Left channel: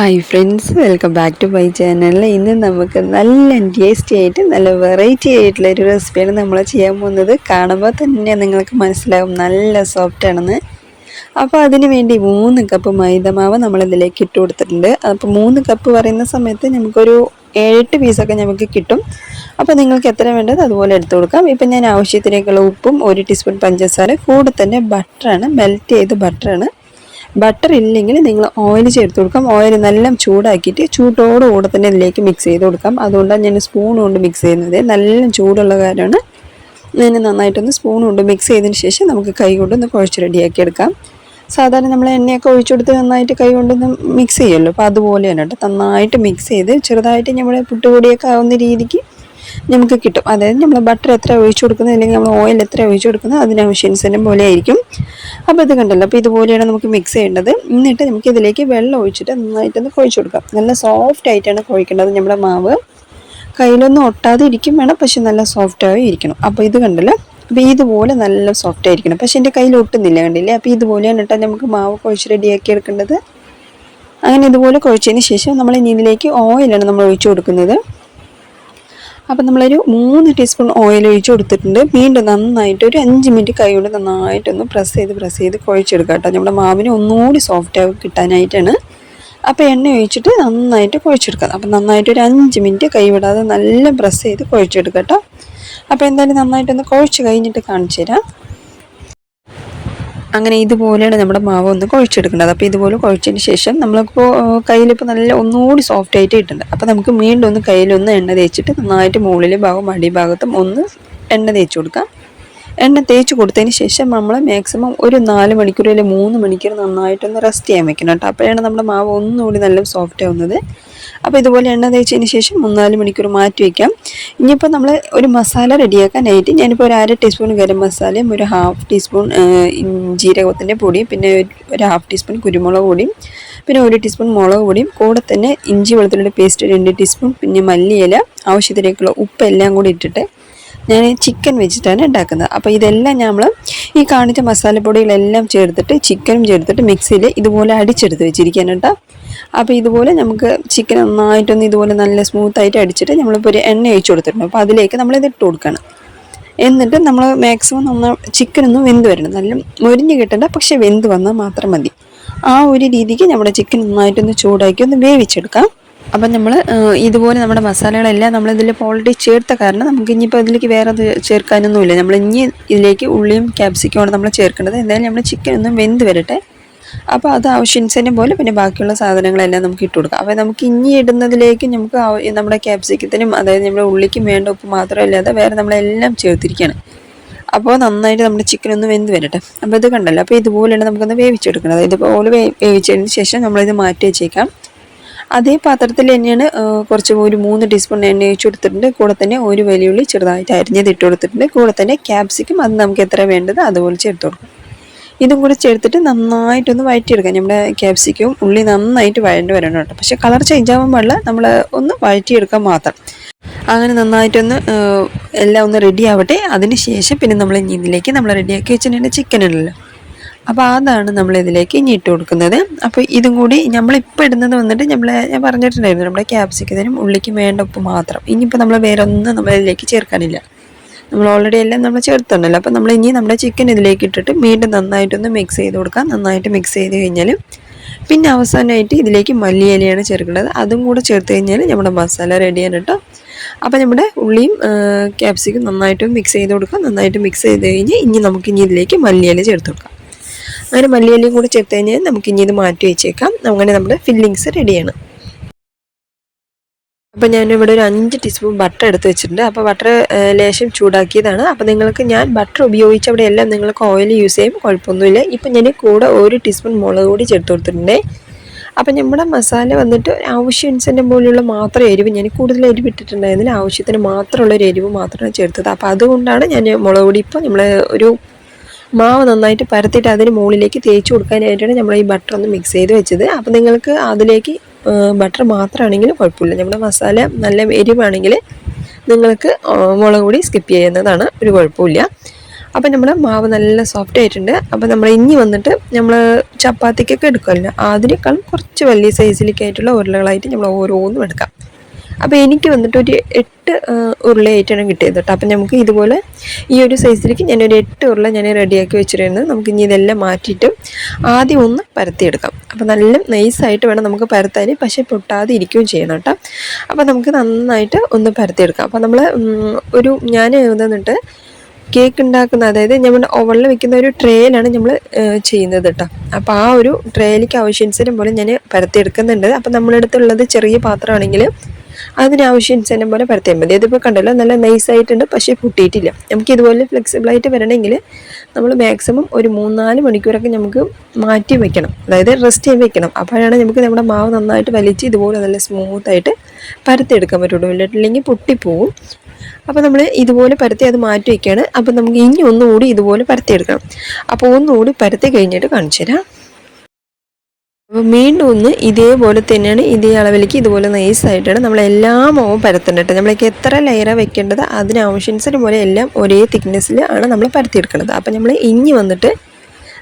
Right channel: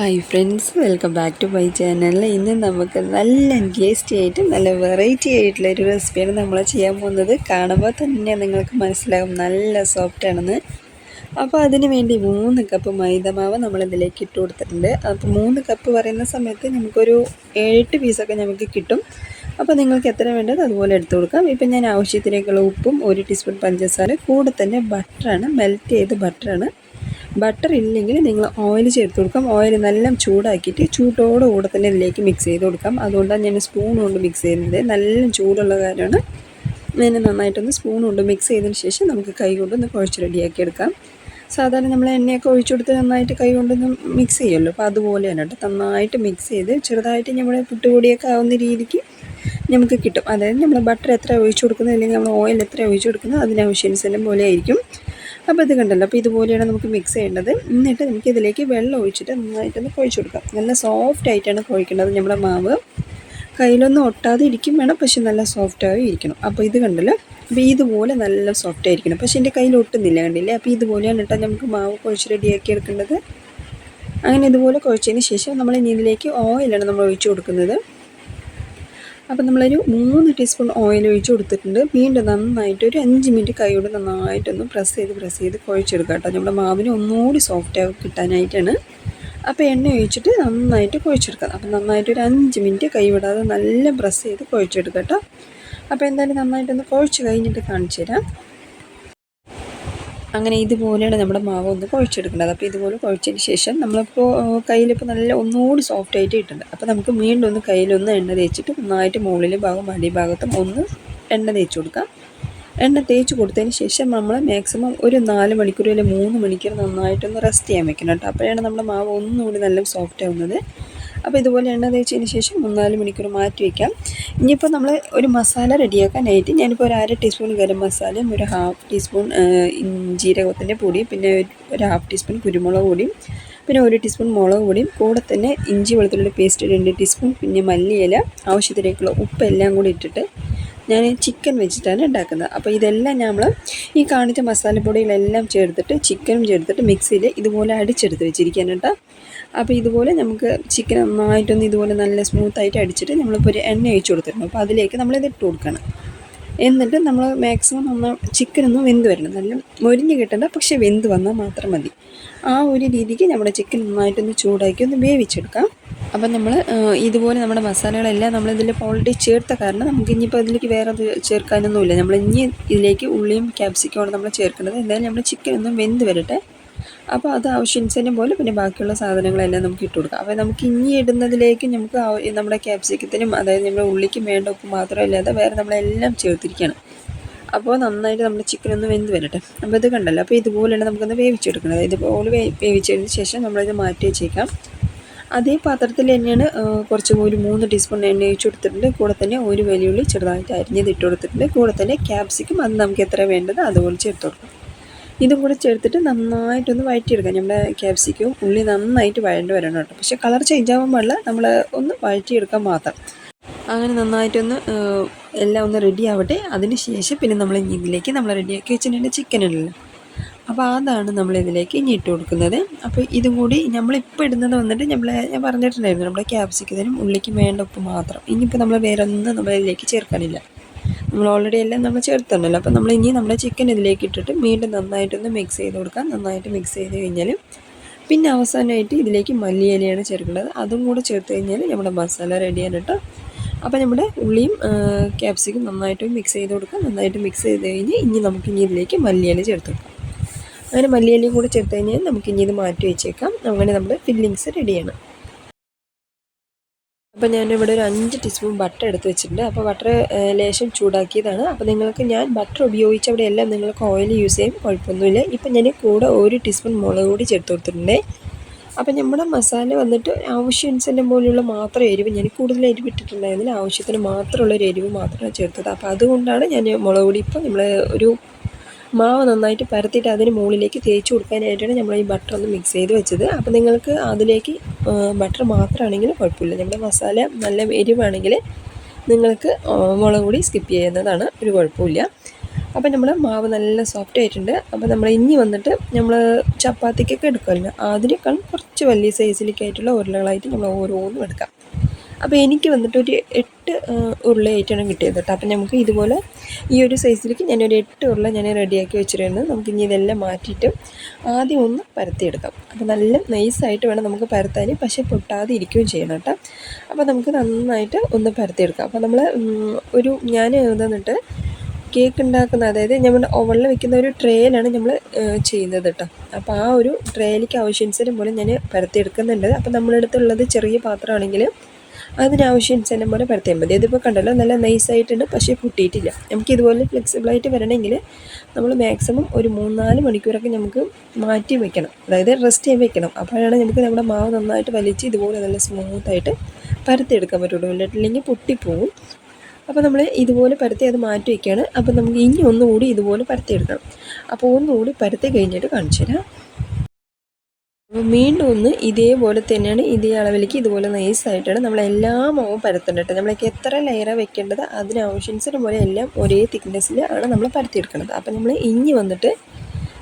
Hi friends welcome back to my channel ഇന്ന് നമുക്ക് നല്ല ടേസ്റ്റി ആയിട്ട് നല്ല വെറൈറ്റി ആയിട്ടുള്ള ഒരു റെസിപ്പിയാണ് നമ്മൾ ചെയ്യാൻ പോകുന്നത്. കാണുമ്പോൾ തന്നെ നിങ്ങൾക്ക് മനസ്സിലാവും നല്ല സോഫ്റ്റ് ആണെന്ന്. അപ്പോൾ അതിന് വേണ്ടി മൂന്ന് കപ്പ് മൈദമാവ് നമ്മളിതിലേക്ക് ഇട്ട് കൊടുത്തിട്ടുണ്ട്. അപ്പോൾ മൂന്ന് കപ്പ് പറയുന്ന സമയത്ത് നമുക്കൊരു ഏഴെട്ട് പീസൊക്കെ നമുക്ക് കിട്ടും. അപ്പോൾ നിങ്ങൾക്ക് എത്ര വേണ്ടത് അതുപോലെ എടുത്തു കൊടുക്കാം. ഇപ്പം ഞാൻ ആവശ്യത്തിലേക്കുള്ള ഉപ്പും ഒരു ടീസ്പൂൺ പഞ്ചസാര കൂടെ തന്നെ ബട്ടറാണ് മെൽറ്റ് ചെയ്ത് ബട്ടറാണ് ബട്ടർ ഇല്ലെങ്കിൽ നിങ്ങൾ ഓയിൽ ചേർത്ത് കൊടുക്കാം. ഓയിൽ നല്ല ചൂടാക്കിയിട്ട് ചൂട്ടോടുകൂടെ തന്നെ ഇതിലേക്ക് മിക്സ് ചെയ്ത് കൊടുക്കാം. അതുകൊണ്ടാണ് ഞാൻ സ്പൂൺ കൊണ്ട് മിക്സ് ചെയ്യുന്നത്. നല്ല ചൂടുള്ള കാര്യമാണ്. ഞാൻ നന്നായിട്ടൊന്ന് സ്പൂൺ കൊണ്ട് മിക്സ് ചെയ്തതിന് ശേഷം നമുക്ക് കൈ കൊണ്ടൊന്ന് കുഴച്ച് റെഡിയാക്കി എടുക്കാം. സാധാരണ നമ്മൾ എണ്ണയൊക്കെ ഒഴിച്ചെടുത്ത് നന്നായിട്ട് കൈ കൊണ്ടൊന്ന് മിക്സ് ചെയ്യുമല്ലോ. അപ്പോൾ അതുപോലെ തന്നെ കേട്ടോ. നന്നായിട്ട് മിക്സ് ചെയ്ത് ചെറുതായിട്ട് നമ്മുടെ പുട്ടുപൊടിയൊക്കെ ആവുന്ന രീതിക്ക് നമുക്ക് കിട്ടും. അതായത് നമ്മൾ ബട്ടർ എത്ര ഒഴിച്ചു കൊടുക്കുന്നത് അല്ലെങ്കിൽ നമ്മൾ ഓയിൽ എത്ര ഒഴിച്ചു കൊടുക്കുന്നത് അതിനാവശ്യാനുസരണം പോലെ ആയിരിക്കും. അപ്പോൾ ഇത് കണ്ടല്ലോ. അപ്പോൾ ഇതുപോലെയാണ് നമുക്ക് മിക്സ് ചെയ്യേണ്ടത്. എന്നിട്ട് നമുക്ക് ഇതിലേക്ക് വെള്ളം ഒഴിച്ചിട്ട് നന്നായിട്ടൊന്ന് കുഴച്ച് കൊടുക്കാം. നല്ല സോഫ്റ്റ് ആയിട്ടാണ് കുഴിക്കേണ്ടത് നമ്മുടെ മാവ്. കയ്യിലൊന്നും ഒട്ടാതെ ഇരിക്കും വേണം പക്ഷെ നല്ല സോഫ്റ്റായി ഇരിക്കണം. അപ്പോൾ ഇത് കണ്ടല്ലോ. അപ്പോൾ ഇതുപോലെ നല്ല സോഫ്റ്റ് ആയിരിക്കണം. പക്ഷെ എന്റെ കയ്യിൽ ഒട്ടുന്നില്ല കണ്ടില്ലേ? അപ്പോൾ ഇതുപോലെയാണ് കേട്ടോ നമുക്ക് മാവ് കുഴച്ച് റെഡിയാക്കി എടുക്കേണ്ടത്. അങ്ങനെ ഇതുപോലെ കുഴച്ചതിന് ശേഷം നമ്മൾ ഇനി ഇതിലേക്ക് ഓയിലാണ് നമ്മൾ ഒഴിച്ചു കൊടുക്കുന്നത്. അപ്പം നമ്മളൊരു മൂന്ന് ടീസ്പൂൺ ഓയിൽ ഒഴിച്ച് കൊടുത്തിട്ടുണ്ട്. വീണ്ടും നന്നായിട്ട് ഒരു അഞ്ച് മിനിറ്റ് കൈ കൈയോട് നന്നായിട്ടൊന്ന് പ്രസ് ചെയ്ത് പ്രസ് ചെയ്ത് കുഴച്ചെടുക്കുക കേട്ടോ. നമ്മുടെ മാവിന് ഒന്നുകൂടി സോഫ്റ്റ് കിട്ടാനായിട്ടാണ്. അപ്പോൾ എണ്ണ ഒഴിച്ചിട്ട് നന്നായിട്ട് കുഴച്ചെടുക്കുക. അപ്പം നന്നായിട്ട് ഒരു അഞ്ച് മിനിറ്റ് കൈ വിടാതെ നല്ല പ്രസ് ചെയ്ത് കുഴച്ചെടുക്കുക കേട്ടോ. അപ്പോൾ എന്തായാലും നന്നായിട്ടൊന്ന് കുഴച്ച് കഴിഞ്ഞിട്ട് കാണിച്ചു തരാം. അങ്ങനെ ഇതുപോലെയാണ് നമ്മുടെ മാവ് ഒന്ന് കുഴച്ചെടുക്കേണ്ടത്. അപ്പോൾ ഇതുപോലെ കുഴച്ചതിന് ശേഷം നമ്മളിപ്പോൾ കയ്യിലിപ്പോൾ നല്ല ഒന്നുകൂടി സോഫ്റ്റ് ആയിട്ട് കിട്ടുന്നുണ്ട്. അപ്പോൾ നമുക്ക് വീണ്ടും ഒന്ന് കയ്യിലൊന്ന് എണ്ണ തേച്ചിട്ട് നന്നായിട്ട് മുകളിലെ ഭാഗവും അടിഭാഗത്തും ഒന്ന് എണ്ണ തേച്ച് കൊടുക്കാം. എണ്ണ തേച്ച് കൊടുത്തതിന് ശേഷം നമ്മൾ മാക്സിമം ഒരു നാല് മണിക്കൂർ അല്ലെങ്കിൽ മൂന്ന് മണിക്കൂർ നന്നായിട്ടൊന്ന് റെസ്റ്റ് ചെയ്യാൻ വെക്കണം കേട്ടോ. അപ്പോഴാണ് നമ്മുടെ മാവ് ഒന്നുകൂടി നല്ല സോഫ്റ്റ് ആവുന്നത്. അപ്പോൾ ഇതുപോലെ എണ്ണ തേച്ചതിന് ശേഷം മൂന്നാൽ മണിക്കൂർ മാറ്റി വയ്ക്കാം ഇനിയിപ്പോൾ നമ്മൾ ഒരു മസാല റെഡിയാക്കാനായിട്ട് ഞാനിപ്പോൾ ഒരു അര ടീസ്പൂൺ ഗരം മസാലയും ഒരു ഹാഫ് ടീസ്പൂൺ ജീരകത്തിന്റെ പൊടിയും പിന്നെ ഒരു ഹാഫ് ടീസ്പൂൺ കുരുമുളക് പൊടിയും പിന്നെ ഒരു ടീസ്പൂൺ മുളക് പൊടിയും കൂടെ തന്നെ ഇഞ്ചി വെളുത്തുള്ളിയുടെ പേസ്റ്റ് രണ്ട് ടീസ്പൂൺ പിന്നെ മല്ലിയില ആവശ്യത്തിലേക്കുള്ള ഉപ്പ് എല്ലാം കൂടി ഇട്ടിട്ട് ഞാൻ ചിക്കൻ വെച്ചിട്ടാണ് ഉണ്ടാക്കുന്നത്. അപ്പോൾ ഇതെല്ലാം നമ്മൾ ഈ കാണിച്ച മസാലപ്പൊടികളെല്ലാം ചേർത്തിട്ട് ചിക്കനും ചേർത്തിട്ട് മിക്സിയിൽ ഇതുപോലെ അടിച്ചെടുത്ത് വെച്ചിരിക്കാൻ കേട്ടോ. അപ്പോൾ ഇതുപോലെ നമുക്ക് ചിക്കൻ നന്നായിട്ടൊന്ന് ഇതുപോലെ നല്ല സ്മൂത്തായിട്ട് അടിച്ചിട്ട് നമ്മളിപ്പോൾ ഒരു എണ്ണ ഒഴിച്ചു കൊടുത്തിട്ടുണ്ട്. അപ്പോൾ അതിലേക്ക് നമ്മളിത് ഇട്ട് കൊടുക്കണം. എന്നിട്ട് നമ്മൾ മാക്സിമം നന്ന ചിക്കൻ ഒന്ന് വെന്ത് വരണം. നല്ല മുരിഞ്ഞ് കിട്ടണ്ട പക്ഷെ വെന്ത് വന്നാൽ മാത്രം മതി. ആ ഒരു രീതിക്ക് നമ്മുടെ ചിക്കൻ നന്നായിട്ടൊന്ന് ചൂടാക്കി ഒന്ന് വേവിച്ചെടുക്കാം. അപ്പം നമ്മൾ ഇതുപോലെ നമ്മുടെ മസാലകളെല്ലാം നമ്മൾ ഇതിൽ ഓൾറെഡി ചേർത്ത കാരണം നമുക്ക് ഇനിയിപ്പോൾ ഇതിലേക്ക് വേറെ അത് ചേർക്കാനൊന്നുമില്ല. നമ്മൾ ഇനി ഇതിലേക്ക് ഉള്ളിയും ക്യാപ്സിക്കുമാണ് നമ്മൾ ചേർക്കേണ്ടത്. എന്തായാലും നമ്മൾ ചിക്കൻ ഒന്നും വെന്ത് വരട്ടെ. അപ്പോൾ അത് ആവശ്യാനുസരണം പോലെ പിന്നെ ബാക്കിയുള്ള സാധനങ്ങളെല്ലാം നമുക്ക് ഇട്ട് കൊടുക്കാം. അപ്പോൾ നമുക്ക് ഇനി ഇടുന്നതിലേക്ക് നമുക്ക് നമ്മുടെ ക്യാപ്സിക്കത്തിനും അതായത് നമ്മുടെ ഉള്ളിക്കും വേണ്ട ഉപ്പ് മാത്രമല്ലാതെ വേറെ നമ്മളെല്ലാം ചേർത്തിരിക്കുകയാണ്. അപ്പോൾ നന്നായിട്ട് നമ്മുടെ ചിക്കൻ ഒന്ന് വെന്ത് വരട്ടെ. അപ്പോൾ ഇത് കണ്ടല്ലോ. അപ്പോൾ ഇതുപോലെയാണ് നമുക്കൊന്ന് വേവിച്ചെടുക്കുന്നത്. വേ വേവിച്ചതിന് ശേഷം നമ്മളിത് മാറ്റി വെച്ചേക്കാം. അതേ പാത്രത്തിൽ തന്നെയാണ് കുറച്ച് ഒരു മൂന്ന് ടീസ്പൂൺ എണ്ണ ഒഴിച്ച് കൊടുത്തിട്ടുണ്ട്. കൂടെ തന്നെ ഒരു വലിയുള്ളി ചെറുതായിട്ട് അരിഞ്ഞത് ഇട്ട് കൊടുത്തിട്ടുണ്ട്. കൂടെ തന്നെ ക്യാപ്സിക്കും അത് നമുക്ക് എത്ര വേണ്ടത് അതുപോലെ ചേർത്ത് കൊടുക്കും. ഇതും കൂടി ചേർത്തിട്ട് നന്നായിട്ടൊന്ന് വഴറ്റിയെടുക്കാം. നമ്മുടെ ക്യാപ്സിക്കവും ഉള്ളി നന്നായിട്ട് വഴണ്ട് വരണം കേട്ടോ. പക്ഷേ കളർ ചേഞ്ച് ആവാൻ പാടില്ല. നമ്മൾ ഒന്ന് വഴറ്റിയെടുക്കാൻ മാത്രം. അങ്ങനെ നന്നായിട്ടൊന്ന് എല്ലാം ഒന്ന് റെഡി ആവട്ടെ. അതിന് ശേഷം പിന്നെ നമ്മൾ ഇതിലേക്ക് നമ്മൾ റെഡിയാക്കി വെച്ചിട്ടുണ്ട് ചിക്കൻ ഉണ്ടല്ലോ. അപ്പോൾ അതാണ് നമ്മൾ ഇതിലേക്ക് ഇനി ഇട്ട് കൊടുക്കുന്നത്. അപ്പോൾ ഇതും കൂടി നമ്മളിപ്പോൾ ഇടുന്നത് വന്നിട്ട് നമ്മൾ ഞാൻ പറഞ്ഞിട്ടുണ്ടായിരുന്നു. നമ്മുടെ ക്യാപ്സിക്കത്തിനും ഉള്ളിക്കും വേണ്ട ഉപ്പ് മാത്രം. ഇനിയിപ്പോൾ നമ്മൾ വേറെ ഒന്നും നമ്മളിതിലേക്ക് ചേർക്കാനില്ല. നമ്മൾ ഓൾറെഡി എല്ലാം നമ്മൾ ചേർത്തുണ്ടല്ലോ അപ്പോൾ നമ്മൾ ഇനി നമ്മുടെ ചിക്കൻ ഇതിലേക്ക് ഇട്ടിട്ട് വീണ്ടും നന്നായിട്ടൊന്ന് മിക്സ് ചെയ്ത് കൊടുക്കാം. നന്നായിട്ട് മിക്സ് ചെയ്ത് കഴിഞ്ഞാൽ പിന്നെ അവസാനമായിട്ട് ഇതിലേക്ക് മല്ലിയിലയാണ് ചേർക്കേണ്ടത്. അതും കൂടെ ചേർത്ത് കഴിഞ്ഞാൽ നമ്മുടെ മസാല റെഡിയാണ് കേട്ടോ അപ്പോൾ നമ്മുടെ ഉള്ളിയും ക്യാപ്സിക്കും നന്നായിട്ട് മിക്സ് ചെയ്ത് കൊടുക്കാം. നന്നായിട്ട് മിക്സ് ചെയ്ത് കഴിഞ്ഞ് ഇനി നമുക്ക് ഇനി ഇതിലേക്ക് മല്ലിയില ചേർത്ത് കൊടുക്കാം. അങ്ങനെ മല്ലിയിലയും കൂടെ ചേർത്ത് കഴിഞ്ഞാൽ നമുക്ക് ഇനി ഇത് മാറ്റി വെച്ചേക്കാം. അങ്ങനെ നമ്മുടെ ഫില്ലിങ്സ് റെഡിയാണ് അപ്പോൾ ഞാനിവിടെ ഒരു അഞ്ച് ടീസ്പൂൺ ബട്ടർ എടുത്ത് വെച്ചിട്ടുണ്ട്. അപ്പോൾ ബട്ടർ ലേശം ചൂടാക്കിയതാണ്. അപ്പോൾ നിങ്ങൾക്ക് ഞാൻ ബട്ടർ ഉപയോഗിച്ച് അവിടെ എല്ലാം നിങ്ങൾക്ക് ഓയിൽ യൂസ് ചെയ്യും. കുഴപ്പമൊന്നുമില്ല. ഇപ്പം ഞാൻ കൂടെ ഒരു ടീസ്പൂൺ മുളക് കൂടി ചേർത്ത് കൊടുത്തിട്ടുണ്ടേ. അപ്പം നമ്മുടെ മസാല വന്നിട്ട് ആവശ്യത്തിന്റെ പോലെയുള്ള മാത്രം എരിവ് ഞാൻ കൂടുതൽ എരിവ് ഇട്ടിട്ടുണ്ടായിരുന്നില്ല. ആവശ്യത്തിന് മാത്രമുള്ള ഒരു എരിവ് മാത്രമാണ് ചേർത്തത്. അപ്പോൾ അതുകൊണ്ടാണ് ഞാൻ മുളക് പൊടി ഇപ്പോൾ നമ്മൾ ഒരു മാവ് നന്നായിട്ട് പരത്തിയിട്ട് അതിന് മുകളിലേക്ക് തേച്ച് കൊടുക്കാനായിട്ടാണ് നമ്മൾ ഈ ബട്ടർ ഒന്ന് മിക്സ് ചെയ്ത് വെച്ചത്. അപ്പോൾ നിങ്ങൾക്ക് അതിലേക്ക് ബട്ടർ മാത്രമാണെങ്കിലും കുഴപ്പമില്ല. നമ്മുടെ മസാല നല്ല എരിവാണെങ്കിൽ നിങ്ങൾക്ക് മുളക് പൊടി സ്കിപ്പ് ചെയ്യുന്നതാണ് ഒരു കുഴപ്പമില്ല. അപ്പോൾ നമ്മുടെ മാവ് നല്ല സോഫ്റ്റ് ആയിട്ടുണ്ട്. അപ്പം നമ്മൾ ഇനി വന്നിട്ട് നമ്മൾ ചപ്പാത്തിക്കൊക്കെ എടുക്കുമല്ലോ. അതിനേക്കാളും കുറച്ച് വലിയ സൈസിലേക്കായിട്ടുള്ള ഉരുളകളായിട്ട് നമ്മൾ ഓരോന്നും എടുക്കാം. അപ്പോൾ എനിക്ക് വന്നിട്ട് ഒരു എട്ട് ഉരുളയായിട്ടാണ് കിട്ടിയത് കേട്ടോ. അപ്പം നമുക്ക് ഇതുപോലെ ഈ ഒരു സൈസിലേക്ക് ഞാനൊരു എട്ട് ഉരുള ഞാൻ റെഡിയാക്കി വെച്ചിരുന്നത് നമുക്ക് ഇനി ഇതെല്ലാം മാറ്റിയിട്ട് ആദ്യം ഒന്ന് പരത്തിയെടുക്കാം. അപ്പോൾ നല്ല നൈസായിട്ട് വേണം നമുക്ക് പരത്താൻ. പക്ഷേ പൊട്ടാതെ ഇരിക്കുകയും ചെയ്യണം കേട്ടോ. അപ്പോൾ നമുക്ക് നന്നായിട്ട് ഒന്ന് പരത്തിയെടുക്കാം. അപ്പോൾ നമ്മൾ ഒരു ഞാൻ വന്നിട്ട് കേക്ക് ഉണ്ടാക്കുന്ന അതായത് നമ്മൾ ഓവളിൽ വെക്കുന്ന ഒരു ട്രേയിലാണ് നമ്മൾ ചെയ്യുന്നത് കേട്ടോ. അപ്പോൾ ആ ഒരു ട്രേയിലേക്ക് ആവശ്യാനുസരം പോലെ ഞാൻ പരത്തിയെടുക്കുന്നുണ്ട്. അപ്പോൾ നമ്മളടുത്തുള്ളത് ചെറിയ പാത്രമാണെങ്കിൽ അതിനാവശ്യാനുസരണം പോലെ പരത്തിയാൽ മതി. അതിപ്പോൾ കണ്ടല്ലോ നല്ല നൈസായിട്ടുണ്ട് പക്ഷേ പൊട്ടിയിട്ടില്ല. നമുക്ക് ഇതുപോലെ ഫ്ലെക്സിബിളായിട്ട് വരണമെങ്കിൽ നമ്മൾ മാക്സിമം ഒരു മൂന്നാൽ മണിക്കൂറൊക്കെ നമുക്ക് മാറ്റി വയ്ക്കണം അതായത് റെസ്റ്റ് ചെയ്യാൻ വെക്കണം. അപ്പോഴാണ് നമുക്ക് നമ്മുടെ മാവ് നന്നായിട്ട് വലിച്ച് ഇതുപോലെ നല്ല സ്മൂത്തായിട്ട് പരത്തിയെടുക്കാൻ പറ്റുള്ളൂ. ഇല്ലെങ്കിൽ പൊട്ടിപ്പോവും. അപ്പോൾ നമ്മൾ ഇതുപോലെ പരത്തി അത് മാറ്റി വയ്ക്കുകയാണ് അപ്പോൾ നമുക്ക് ഇനി ഒന്നുകൂടി ഇതുപോലെ പരത്തിയെടുക്കണം. അപ്പോൾ ഒന്നുകൂടി പരത്തി കഴിഞ്ഞിട്ട് കാണിച്ചു തരാം വീണ്ടും ഒന്ന് ഇതേപോലെ തന്നെയാണ് ഇതേ അളവിലേക്ക് ഇതുപോലെ നൈസായിട്ടാണ് നമ്മൾ എല്ലാ മാവും പരത്തേണ്ടത് നമ്മളേക്ക് എത്ര ലെയറാണ് വെക്കേണ്ടത് അതിനാവശ്യാനുസരം പോലെ എല്ലാം ഒരേ തിക്നെസ്സിൽ ആണ് നമ്മൾ പരത്തിയെടുക്കുന്നത് അപ്പോൾ നമ്മൾ ഇനി വന്നിട്ട്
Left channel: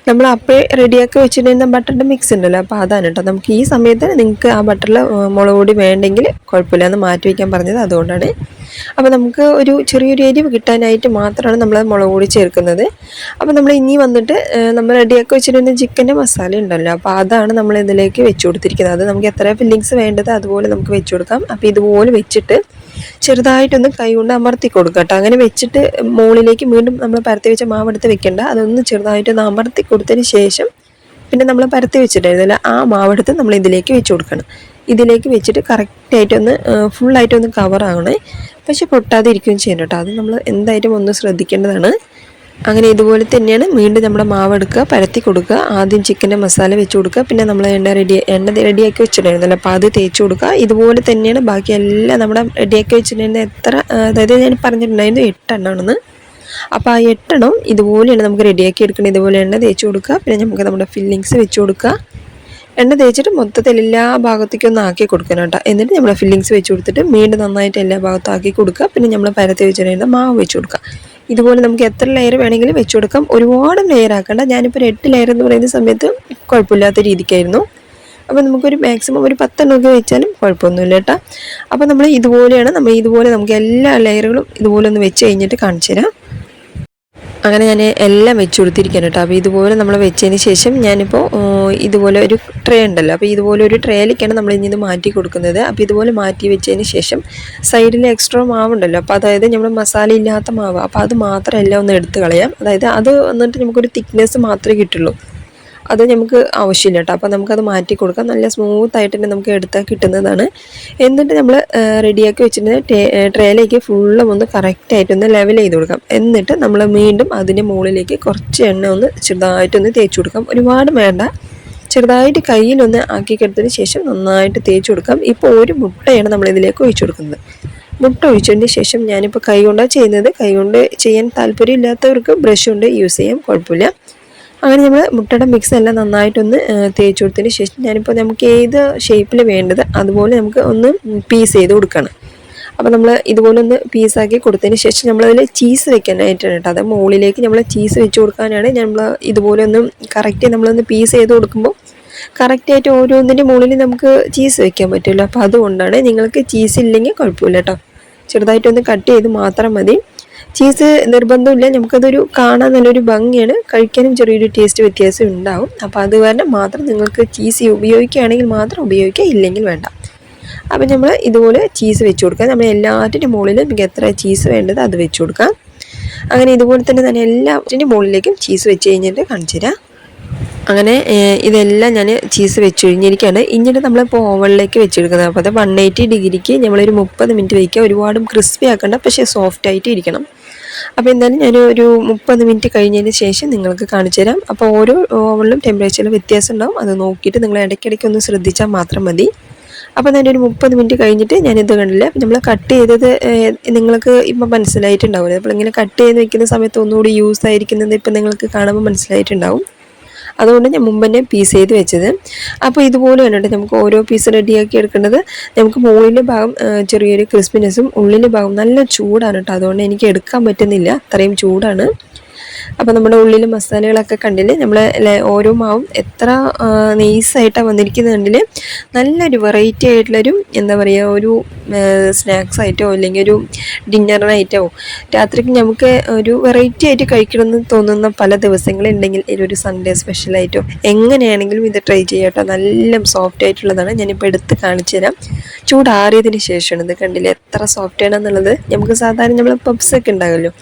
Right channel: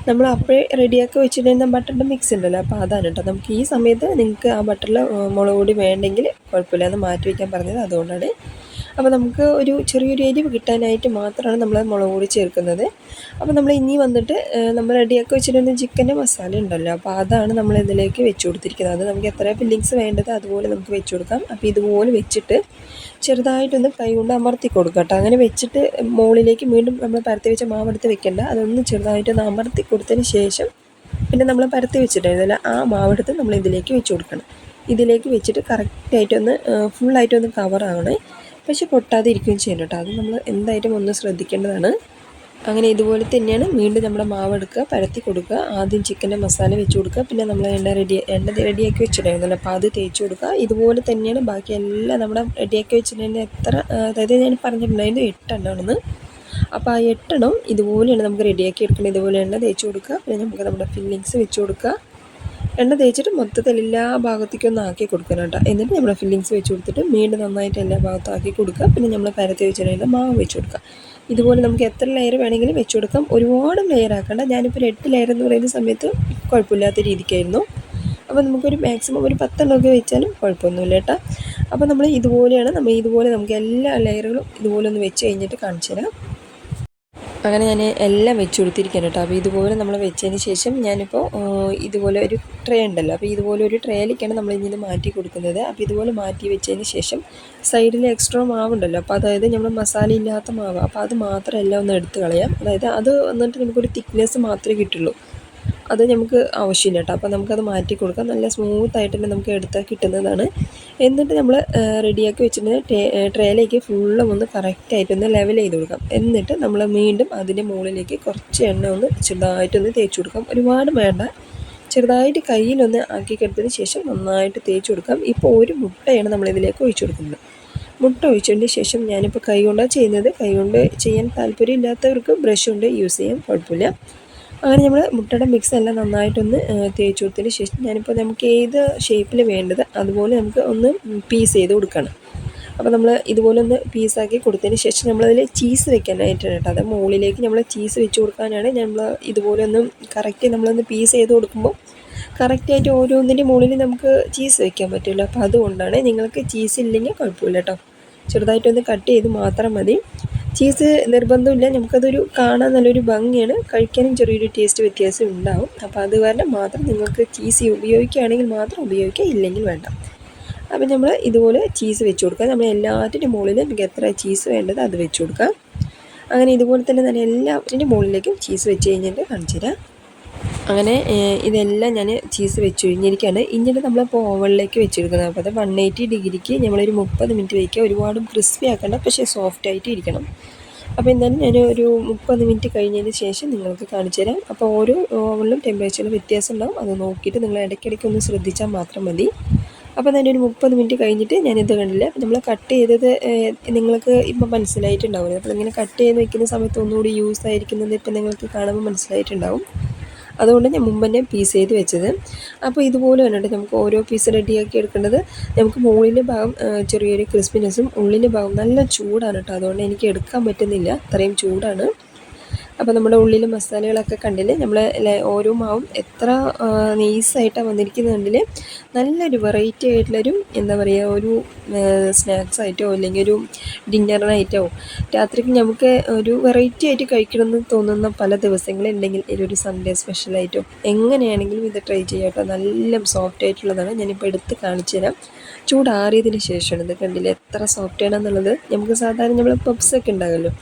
നമ്മൾ അപ്പോൾ റെഡിയാക്കി വെച്ചിട്ടുണ്ടെങ്കിൽ ബട്ടറിന്റെ മിക്സ് ഉണ്ടല്ലോ. അപ്പോൾ അതാണ് കേട്ടോ. നമുക്ക് ഈ സമയത്ത് നിങ്ങൾക്ക് ആ ബട്ടറിൽ മുളക് പൊടി വേണ്ടെങ്കിൽ കുഴപ്പമില്ല എന്ന് മാറ്റി വയ്ക്കാൻ പറഞ്ഞത് അതുകൊണ്ടാണ്. അപ്പോൾ നമുക്ക് ഒരു ചെറിയൊരു എരിവ് കിട്ടാനായിട്ട് മാത്രമാണ് നമ്മൾ മുളക് പൊടി ചേർക്കുന്നത്. അപ്പോൾ നമ്മൾ ഇനി വന്നിട്ട് നമ്മൾ റെഡിയാക്കി വെച്ചിരുന്ന ചിക്കന്റെ മസാല ഉണ്ടല്ലോ. അപ്പോൾ അതാണ് നമ്മൾ ഇതിലേക്ക് വെച്ച് കൊടുത്തിരിക്കുന്നത്. അത് നമുക്ക് എത്ര ഫില്ലിങ്സ് വേണ്ടത് അതുപോലെ നമുക്ക് വെച്ച് കൊടുക്കാം. അപ്പോൾ ഇതുപോലെ വെച്ചിട്ട് ചെറുതായിട്ടൊന്ന് കൈ കൊണ്ട് അമർത്തി കൊടുക്കുക കേട്ടോ അങ്ങനെ വെച്ചിട്ട് മുകളിലേക്ക് വീണ്ടും നമ്മൾ പരത്തി വെച്ച മാവ് എടുത്ത് വെക്കേണ്ട. അതൊന്ന് ചെറുതായിട്ടൊന്ന് അമർത്തി കൊടുത്തതിന് ശേഷം പിന്നെ നമ്മൾ പരത്തി വെച്ചിട്ടായിരുന്നില്ല ആ മാവെടുത്ത് നമ്മൾ ഇതിലേക്ക് വെച്ച് കൊടുക്കണം. ഇതിലേക്ക് വെച്ചിട്ട് കറക്റ്റായിട്ടൊന്ന് ഫുള്ളായിട്ടൊന്ന് കവർ ആവണേ. പക്ഷെ പൊട്ടാതെ ഇരിക്കുകയും ചെയ്യണം കേട്ടോ. അത് നമ്മൾ എന്തായാലും ഒന്ന് ശ്രദ്ധിക്കേണ്ടതാണ്. അങ്ങനെ ഇതുപോലെ തന്നെയാണ് വീണ്ടും നമ്മുടെ മാവ് എടുക്കുക പരത്തി കൊടുക്കുക ആദ്യം ചിക്കന്റെ മസാല വെച്ച് കൊടുക്കുക പിന്നെ നമ്മൾ എണ്ണ റെഡി എണ്ണ റെഡിയാക്കി വെച്ചിട്ടുണ്ടായിരുന്നല്ലോ. അപ്പോൾ അത് തേച്ച് കൊടുക്കുക. ഇതുപോലെ തന്നെയാണ് ബാക്കി എല്ലാം നമ്മുടെ റെഡിയാക്കി വെച്ചിട്ടുണ്ടായിരുന്ന എത്ര അതായത് ഞാൻ പറഞ്ഞിട്ടുണ്ടായിരുന്നു എട്ടെണ്ണമാണെന്ന് അപ്പോൾ ആ എട്ടെണ്ണം ഇതുപോലെയാണ് നമുക്ക് റെഡിയാക്കി എടുക്കണം ഇതുപോലെ എണ്ണ തേച്ച് കൊടുക്കുക. പിന്നെ നമുക്ക് നമ്മുടെ ഫില്ലിങ്സ് വെച്ച് കൊടുക്കുക. എണ്ണ തേച്ചിട്ട് മൊത്തത്തിൽ എല്ലാ ഭാഗത്തേക്കും ഒന്ന് ആക്കി കൊടുക്കണം കേട്ടോ. എന്നിട്ട് നമ്മൾ ഫില്ലിങ്സ് വെച്ച് കൊടുത്തിട്ട് വീണ്ടും നന്നായിട്ട് എല്ലാ ഭാഗത്തും ആക്കി കൊടുക്കുക. പിന്നെ നമ്മൾ പരത്തി വെച്ചിട്ടുണ്ടായിരുന്ന മാവ് വെച്ച് കൊടുക്കുക. ഇതുപോലെ നമുക്ക് എത്ര ലെയർ വേണമെങ്കിലും വെച്ച് കൊടുക്കാം. ഒരുപാട് ലെയർ ആക്കണ്ട. ഞാനിപ്പോൾ ഒരു എട്ട് ലെയർ എന്ന് പറയുന്ന സമയത്ത് കുഴപ്പമില്ലാത്ത രീതിക്കായിരുന്നു. അപ്പോൾ നമുക്കൊരു മാക്സിമം ഒരു പത്തെണ്ണമൊക്കെ വെച്ചാലും കുഴപ്പമൊന്നുമില്ല കേട്ടോ. അപ്പോൾ നമ്മൾ ഇതുപോലെയാണ് നമ്മൾ ഇതുപോലെ നമുക്ക് എല്ലാ ലെയറുകളും ഇതുപോലെ ഒന്ന് വെച്ച് കഴിഞ്ഞിട്ട് കാണിച്ചു തരാം അങ്ങനെ ഞാൻ എല്ലാം വെച്ച് കൊടുത്തിരിക്കുകയാണ് കേട്ടോ. അപ്പോൾ ഇതുപോലെ നമ്മൾ വെച്ചതിന് ശേഷം ഞാനിപ്പോൾ ഇതുപോലെ ഒരു ട്രേ ഉണ്ടല്ലോ. അപ്പോൾ ഇതുപോലെ ഒരു ട്രേയിലേക്കാണ് നമ്മൾ ഇനി ഇത് മാറ്റി കൊടുക്കുന്നത്. അപ്പോൾ ഇതുപോലെ മാറ്റി വെച്ചതിന് ശേഷം സൈഡിൽ എക്സ്ട്രാ മാവുണ്ടല്ലോ. അപ്പോൾ അതായത് നമ്മൾ മസാല ഇല്ലാത്ത മാവ്. അപ്പോൾ അത് മാത്രമല്ല ഒന്ന് എടുത്ത് കളയാം. അതായത് അത് വന്നിട്ട് നമുക്കൊരു തിക്നെസ് മാത്രമേ കിട്ടുള്ളൂ. അത് നമുക്ക് ആവശ്യമില്ല കേട്ടോ. അപ്പോൾ നമുക്കത് മാറ്റി കൊടുക്കാം. നല്ല സ്മൂത്ത് ആയിട്ട് തന്നെ നമുക്ക് എടുത്താൽ കിട്ടുന്നതാണ്. എന്നിട്ട് നമ്മൾ റെഡിയാക്കി വെച്ചിട്ട് ട്രേയിലേക്ക് ഫുള്ളും ഒന്ന് കറക്റ്റായിട്ടൊന്ന് ലെവൽ ചെയ്ത് കൊടുക്കാം. എന്നിട്ട് നമ്മൾ വീണ്ടും അതിന്റെ മുകളിലേക്ക് കുറച്ച് എണ്ണ ഒന്ന് ചെറുതായിട്ടൊന്ന് തേച്ച് കൊടുക്കാം. ഒരുപാട് വേണ്ട. ചെറുതായിട്ട് കയ്യിലൊന്ന് ആക്കി കെടുത്തതിന് ശേഷം നന്നായിട്ട് തേച്ച് കൊടുക്കാം. ഇപ്പോൾ ഒരു മുട്ടയാണ് നമ്മൾ ഇതിലേക്ക് ഒഴിച്ചു കൊടുക്കുന്നത്. മുട്ട ഒഴിച്ചതിന് ശേഷം ഞാനിപ്പോൾ കൈ കൊണ്ടാണ് ചെയ്യുന്നത്. കൈ കൊണ്ട് ചെയ്യാൻ താല്പര്യമില്ലാത്തവർക്ക് ബ്രഷ് കൊണ്ട് യൂസ് ചെയ്യാം. കുഴപ്പമില്ല. അങ്ങനെ നമ്മൾ മുട്ടയുടെ മിക്സ് എല്ലാം നന്നായിട്ടൊന്ന് തേച്ച് കൊടുത്തതിന് ശേഷം ഞാനിപ്പോൾ നമുക്ക് ഏത് ഷേപ്പിൽ വേണ്ടത് അതുപോലെ നമുക്ക് ഒന്ന് പീസ് ചെയ്ത് കൊടുക്കണം. അപ്പോൾ നമ്മൾ ഇതുപോലെ ഒന്ന് പീസാക്കി കൊടുത്തതിന് ശേഷം നമ്മളതിൽ ചീസ് വെക്കാനായിട്ടാണ് കേട്ടോ. അത് മുകളിലേക്ക് നമ്മൾ ചീസ് വെച്ച് കൊടുക്കാനാണ് നമ്മൾ ഇതുപോലെ ഒന്ന് കറക്റ്റ് നമ്മളൊന്ന് പീസ് ചെയ്ത് കൊടുക്കുമ്പോൾ കറക്റ്റായിട്ട് ഓരോന്നിന്റെ മുകളിൽ നമുക്ക് ചീസ് വെക്കാൻ പറ്റുമല്ലോ. അപ്പോൾ അതുകൊണ്ടാണ് നിങ്ങൾക്ക് ചീസ് ഇല്ലെങ്കിൽ കുഴപ്പമില്ല കേട്ടോ. ചെറുതായിട്ടൊന്ന് കട്ട് ചെയ്ത് മാത്രം മതി. ചീസ് നിർബന്ധമില്ല. നമുക്കതൊരു കാണാൻ നല്ലൊരു ഭംഗിയാണ്. കഴിക്കാനും ചെറിയൊരു ടേസ്റ്റ് വ്യത്യാസം ഉണ്ടാവും. അപ്പോൾ അത് കാരണം മാത്രം നിങ്ങൾക്ക് ചീസ് ഉപയോഗിക്കുകയാണെങ്കിൽ മാത്രം ഉപയോഗിക്കുക ഇല്ലെങ്കിൽ വേണ്ട. അപ്പോൾ നമ്മൾ ഇതുപോലെ ചീസ് വെച്ച് കൊടുക്കുക. നമ്മൾ എല്ലാറ്റിന്റെ മുകളിലും നമുക്ക് എത്ര ചീസ് വേണ്ടത് അത് വെച്ച് കൊടുക്കാം. അങ്ങനെ ഇതുപോലെ തന്നെ തന്നെ എല്ലാറ്റിന്റെ മുകളിലേക്കും ചീസ് വെച്ച് കഴിഞ്ഞിട്ട് കാണിച്ചു തരാം. അങ്ങനെ ഇതെല്ലാം ഞാൻ ചീസ് വെച്ച് കഴിഞ്ഞിരിക്കുകയാണ് നമ്മൾ നമ്മളിപ്പോൾ ഓവനിലേക്ക് വെച്ചെടുക്കുന്നത്. അപ്പോൾ അത് വൺ എയ്റ്റി ഡിഗ്രിക്ക് നമ്മളൊരു മുപ്പത് മിനിറ്റ് വയ്ക്കുക ഒരുപാടും ക്രിസ്പി ആക്കണ്ട. പക്ഷേ സോഫ്റ്റ് ആയിട്ട് ഇരിക്കണം. അപ്പോൾ എന്തായാലും ഞാൻ ഒരു മുപ്പത് മിനിറ്റ് കഴിഞ്ഞതിന് ശേഷം നിങ്ങൾക്ക് കാണിച്ചു തരാം. അപ്പോൾ ഓരോ ഓവനിലും ടെമ്പറേച്ചറിൽ വ്യത്യാസം ഉണ്ടാവും. അത് നോക്കിയിട്ട് നിങ്ങൾ ഇടയ്ക്കിടയ്ക്ക് ഒന്ന് ശ്രദ്ധിച്ചാൽ മാത്രം മതി. അപ്പോൾ ഞാൻ ഒരു മുപ്പത് മിനിറ്റ് കഴിഞ്ഞിട്ട് ഞാനിത് കണ്ടില്ല? നമ്മൾ കട്ട് ചെയ്തത് നിങ്ങൾക്ക് ഇപ്പം മനസ്സിലായിട്ടുണ്ടാവില്ല? അപ്പോൾ ഇങ്ങനെ കട്ട് ചെയ്ത് വെക്കുന്ന സമയത്ത് ഒന്നുകൂടി യൂസ് ആയിരിക്കുന്നത് ഇപ്പം നിങ്ങൾക്ക് കാണുമ്പോൾ മനസ്സിലായിട്ടുണ്ടാവും. അതുകൊണ്ട് ഞാൻ മുമ്പ് തന്നെ പീസ് ചെയ്ത് വെച്ചത്. അപ്പോൾ ഇതുപോലെ തന്നെ നമുക്ക് ഓരോ പീസ് റെഡിയാക്കി എടുക്കേണ്ടത് നമുക്ക് മുകളിന്റെ ഭാഗം ചെറിയൊരു ക്രിസ്പിനെസ്സും ഉള്ളിന്റെ ഭാഗം നല്ല ചൂടാണ് കേട്ടോ. അതുകൊണ്ട് എനിക്ക് എടുക്കാൻ പറ്റുന്നില്ല. അത്രയും ചൂടാണ്. അപ്പോൾ നമ്മുടെ ഉള്ളിൽ മസാലകളൊക്കെ കണ്ടില്ലേ? നമ്മൾ ഓരോ മാവും എത്ര നെയ്സായിട്ടാണ് വന്നിരിക്കുന്നത് കണ്ടിൽ നല്ലൊരു വെറൈറ്റി ആയിട്ടുള്ളൊരു എന്താ പറയുക ഒരു സ്നാക്സ് ആയിട്ടോ അല്ലെങ്കിൽ ഒരു ഡിന്നറിനായിട്ടോ രാത്രിക്ക് നമുക്ക് ഒരു വെറൈറ്റി ആയിട്ട് കഴിക്കണമെന്ന് തോന്നുന്ന പല ദിവസങ്ങളുണ്ടെങ്കിൽ ഒരു സൺഡേ സ്പെഷ്യലായിട്ടോ എങ്ങനെയാണെങ്കിലും ഇത് ട്രൈ ചെയ്യാം കേട്ടോ നല്ല സോഫ്റ്റ് ആയിട്ടുള്ളതാണ്. ഞാനിപ്പോൾ എടുത്ത് കാണിച്ചു തരാം ചൂടാറിയതിന് ശേഷമാണ്. ഇത് കണ്ടില്ലേ? എത്ര സോഫ്റ്റ് ആണ് എന്നുള്ളത്. നമുക്ക് സാധാരണ നമ്മൾ പബ്സ് ഒക്കെ ഉണ്ടാകുമല്ലോ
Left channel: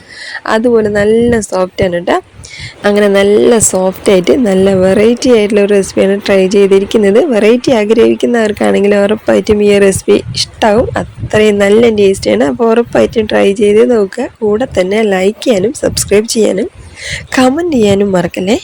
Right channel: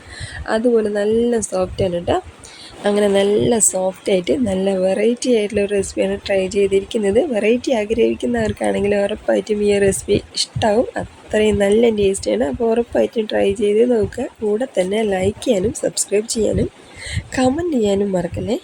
അതുപോലെ നല്ല സോഫ്റ്റ് ആണ് കേട്ടോ അങ്ങനെ നല്ല സോഫ്റ്റ് ആയിട്ട് നല്ല വെറൈറ്റി ആയിട്ടുള്ള ഒരു റെസിപ്പിയാണ് ട്രൈ ചെയ്തിരിക്കുന്നത്. വെറൈറ്റി ആഗ്രഹിക്കുന്നവർക്കാണെങ്കിൽ ഉറപ്പായിട്ടും ഈ റെസിപ്പി ഇഷ്ടമാവും അത്രയും നല്ല ടേസ്റ്റിയാണ് അപ്പോൾ ഉറപ്പായിട്ടും ട്രൈ ചെയ്ത് നോക്കുക. കൂടെ തന്നെ ലൈക്ക് ചെയ്യാനും സബ്സ്ക്രൈബ് ചെയ്യാനും കമന്റ് ചെയ്യാനും മറക്കല്ലേ?